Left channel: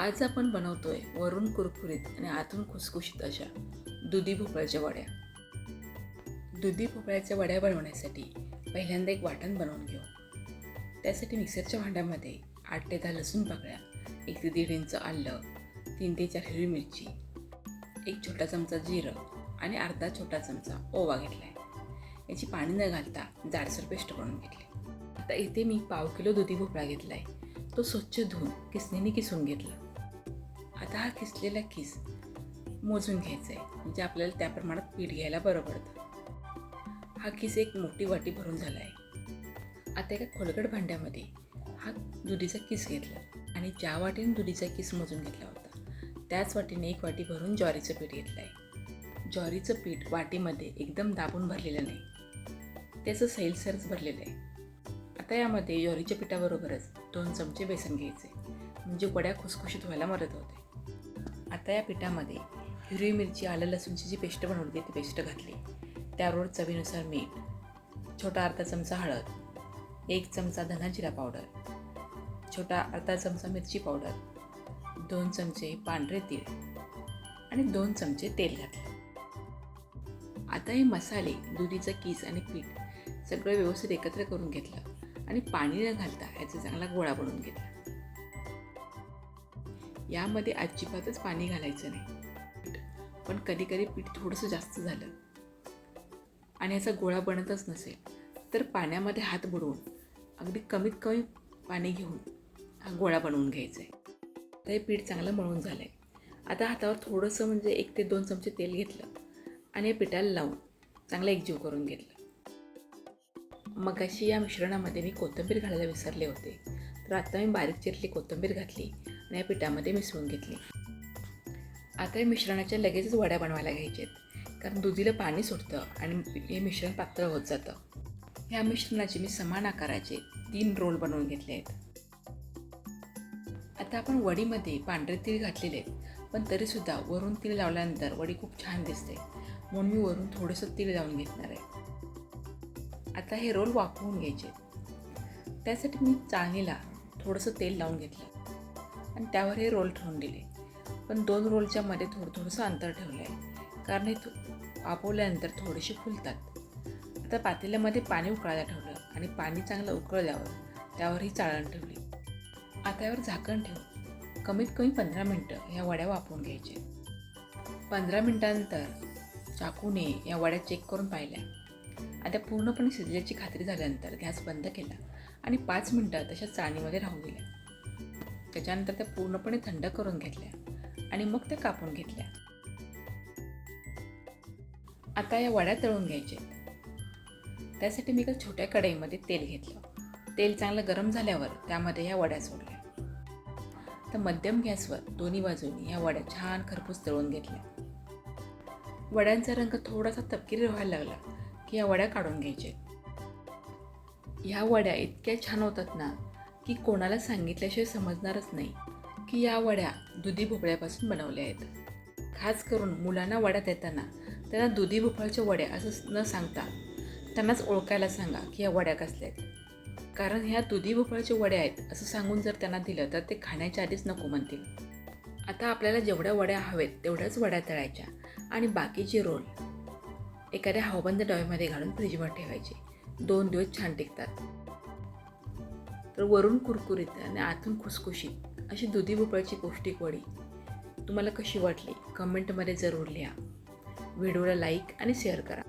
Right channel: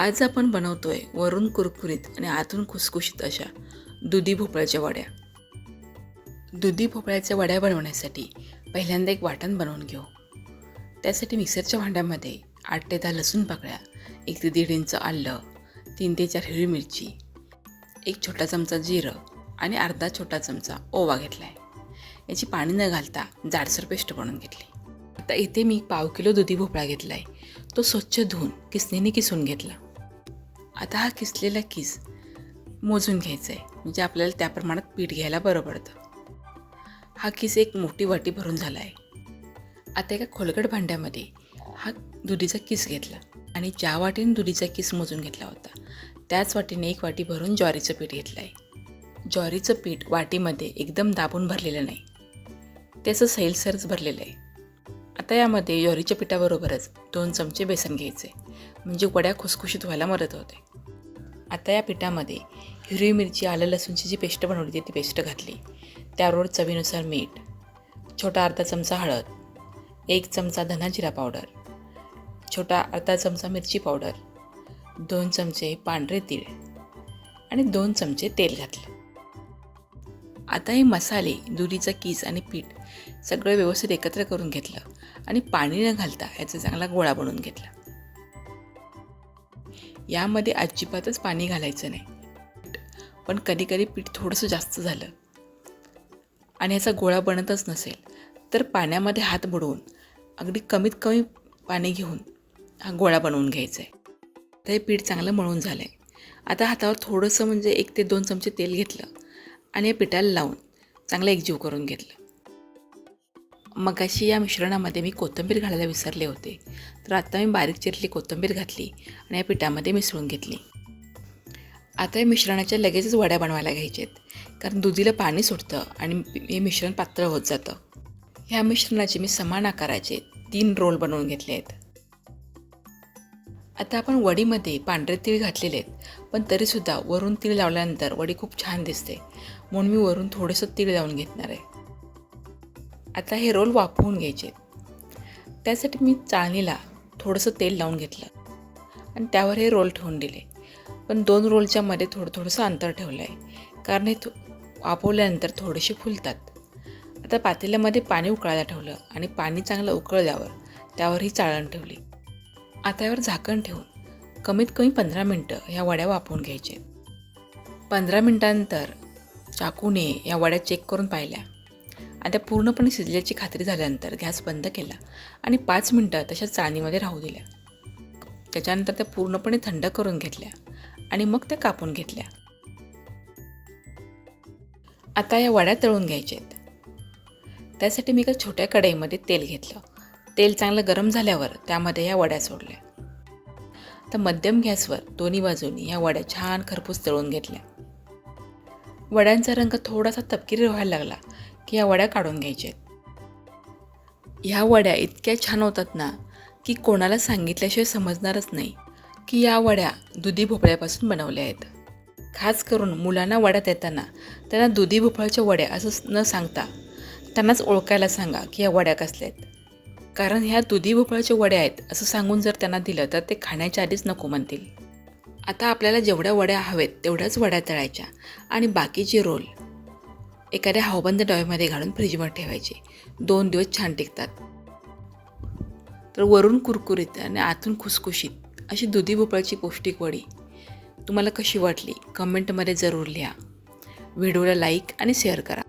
आज आपण बनवतोय वरून कुरकुरीत आणि आतून खुसखुशीत अशा दुधी भोपळ्याच्या वड्या. दुधी भोपळ्याच्या वड्या बनवण्यासाठी पहिल्यांदा एक वाटण बनवून घेऊ. त्यासाठी मिक्सरच्या भांड्यामध्ये 8 ते 10 लसूण पाकळ्या, 1 ते 1.5 इंच आलं, 3 ते 4 हिरवी मिरची, 1 छोटा चमचा जिरं आणि अर्धा छोटा चमचा ओवा घेतला आहे. याची पाणी न घालता जाडसर पेस्ट बनवून घेतली. आता इथे मी 1/2 किलो दुधी भोपळा घेतला आहे. तो स्वच्छ धुवून किसणीने किसून घेतला. आता हा किसलेला किस मोजून घ्यायचा आहे, म्हणजे आपल्याला त्या प्रमाणात पीठ घ्यायला बरं पडतं. हा किस एक मोठी वाटी भरून झाला आहे. आता एका खोलगट भांड्यामध्ये हा दुधीचा किस घेतला आणि ज्या वाटीने दुधीचा किस मोजून घेतला होता त्याच वाटीने 1 वाटी भरून ज्वारीचं पीठ घेतलं आहे. ज्वारीचं पीठ वाटीमध्ये एकदम दाबून भरलेलं नाही, त्याचं सैलसरच भरलेलं आहे. आता यामध्ये ज्वारीच्या पिठाबरोबरच 2 चमचे बेसन घ्यायचे, म्हणजे वड्या खुसखुशीत व्हायला मदत होते. आता या पिठामध्ये हिरवी मिरची, आलं लसूणची जी पेस्ट बनवली होती ती पेस्ट घातली. त्याबरोबर चवीनुसार मीठ, छोटा अर्धा चमचा हळद, 1 चमचा धना जिरा पावडर, छोटा अर्धा चमचा मिरची पावडर, 2 चमचे पांढरे तीळ आणि 2 चमचे तेल घातले. आता हे मसाले, दुधीचा किस आणि पीठ सगळं व्यवस्थित एकत्र करून घेतलं आणि पाणी न घालता याचा चांगला गोळा बनवून घेतला. यामध्ये अजिबातच पाणी घालायचं नाही, पण कधी कधी पीठ थोडंसं जास्त झालं आणि याचा गोळा बनतच नसेल तर पाण्यामध्ये हात बुडवून अगदी कमीत कमी पाणी घेऊन हा गोळा बनवून घ्यायचा आहे. तर हे पीठ चांगलं मळून झालं आहे. आता हातावर थोडंसं म्हणजे 1 ते 2 चमचे तेल घेतलं आणि या पिठाला लावून चांगलं एकजीव करून घेतलं. मगाशी या मिश्रणामध्ये मी कोथिंबीर घालायला विसरले होते, तर आता मी बारीक चिरलेली कोथिंबीर घातली आणि या पिठामध्ये मिसळून घेतली. आता या मिश्रणाच्या लगेचच वड्या बनवायला घ्यायच्या आहेत, कारण दुधीला पाणी सुटतं आणि हे मिश्रण पातळ होत जातं. ह्या मिश्रणाचे मी समान आकाराचे 3 रोल बनवून घेतले आहेत. आता आपण वडीमध्ये पांढरे तीळ घातलेले आहेत, पण तरीसुद्धा वरून तीळ लावल्यानंतर वडी खूप छान दिसते, म्हणून मी वरून थोडंसं तीळ लावून घेणार आहे. आता हे रोल वाफवून घ्यायचे. त्यासाठी मी चाळणीला थोडंसं तेल लावून घेतलं आणि त्यावर हे रोल ठेवून दिले, पण 2 रोलच्या मध्ये थोडंसं अंतर ठेवलं आहे, कारण हे वाफवल्यानंतर थोडेसे फुलतात. आता पातेल्यामध्ये पाणी उकळायला ठेवलं आणि पाणी चांगलं उकळल्यावर त्यावर ही चाळण ठेवली. आता यावर झाकण ठेवून कमीत कमी 15 मिनटं ह्या वड्या वाफवून घ्यायच्या. 15 मिनटानंतर चाकूने या वड्या चेक करून पाहिल्या. आता पूर्णपणे शिजल्याची खात्री झाल्यानंतर गॅस बंद केला आणि 5 मिनटं तशा चाळणीमध्ये राहू दिल्या. त्याच्यानंतर त्या पूर्णपणे थंड करून घेतल्या आणि मग त्या कापून घेतल्या. आता या वड्या तळून घ्यायच्या आहेत. त्यासाठी मी एका छोट्या कढईमध्ये तेल घेतलं. तेल चांगलं गरम झाल्यावर त्यामध्ये ह्या वड्या सोडल्या. तर मध्यम गॅसवर दोन्ही बाजूनी ह्या वड्या छान खरपूस तळून घेतल्या. वड्यांचा रंग थोडासा तपकिरी व्हायला लागला की या वड्या काढून घ्यायच्या आहेत. ह्या वड्या इतक्या छान होतात ना की कोणाला सांगितल्याशिवाय समजणारच नाही की या वड्या दुधी भोपळ्यापासून बनवल्या आहेत. खास करून मुलांना वड्या देताना त्यांना दुधी भोपळ्याच्या वड्या असं न सांगता त्यांनाच ओळखायला सांगा की या वड्या कसल्या आहेत, कारण ह्या दुधी भोपळ्याच्या वड्या आहेत असं सांगून जर त्यांना दिलं तर ते खाण्याच्या आधीच नको म्हणतील. आता आपल्याला जेवढ्या वड्या हवेत तेवढ्याच वड्या तळायच्या आणि बाकीचे रोल एखाद्या हवाबंद डब्यामध्ये घालून फ्रीजमध्ये ठेवायचे. 2 दिवस छान टिकतात. तर वरून कुरकुरीत आणि आतून खुसखुशीत अशी दुधी भोपळ्याची पौष्टिक वडी तुम्हाला कशी वाटली कमेंटमध्ये जरूर लिहा. व्हिडिओला लाईक आणि शेअर करा.